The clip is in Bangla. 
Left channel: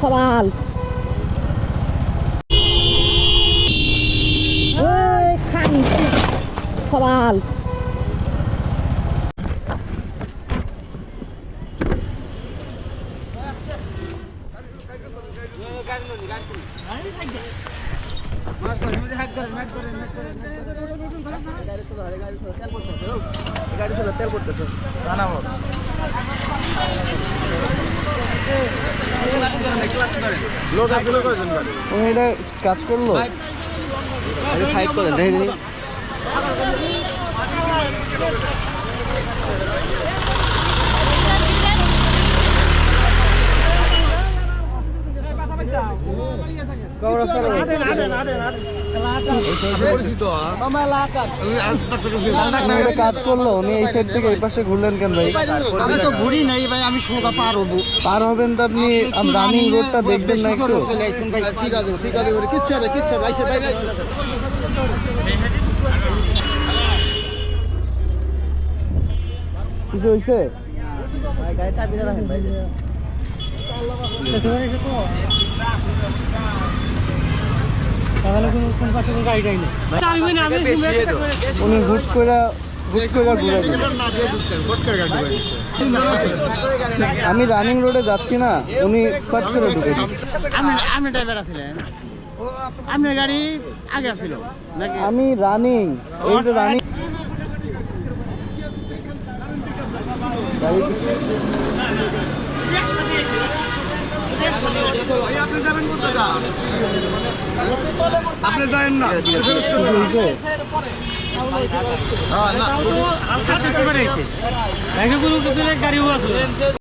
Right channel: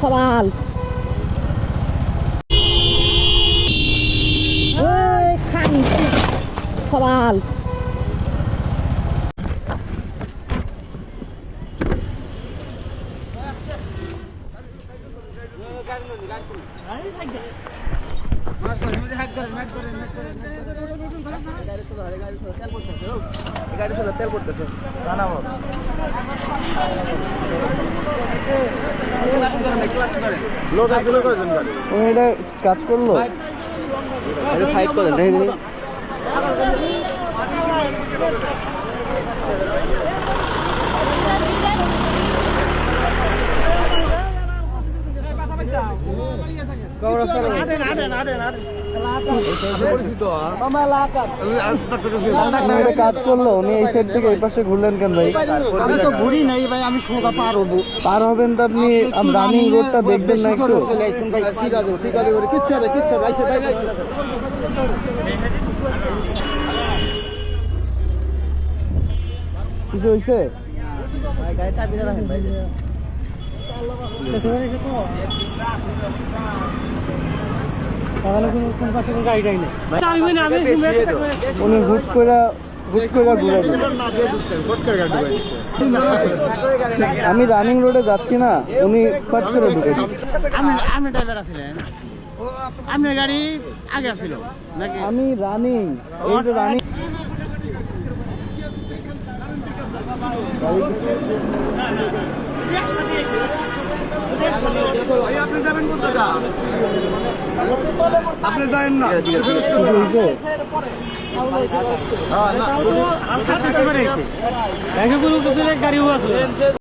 সওয়াল খান সওয়াল কাজ করলো সাইড করেন কাজ করলো উনি এই সাইড থেকে এই পাশে ঘুরলেন কেন ভাই? আমি তো ঘুরি নাই ভাই, আমি সোজা পার হবো। পার হবেন তো আপনি রানিং রোডটা দেখবেন না একটু? ঠিক আছে ঠিক আছে, কিচ্ছু হবে কিচ্ছু হবে, আইসে বাইরে কিছু হয়েছে? গাড়ি চাবিটা রাখেন ভাই। উনি হুট করে ঘুরে দিলেন। আমি রানিং রোডে যাচ্ছি না, উনি ফট করে ঢুকে দিলেন। আপনি ড্রাইভার আছিলেন? আপনার গাড়ি আগে ছিল নাকি? আমি রানিং, এই তো রানিং। আপনি যাবেন কোথায়? আপনি যাবেন না? গাড়িও আছে।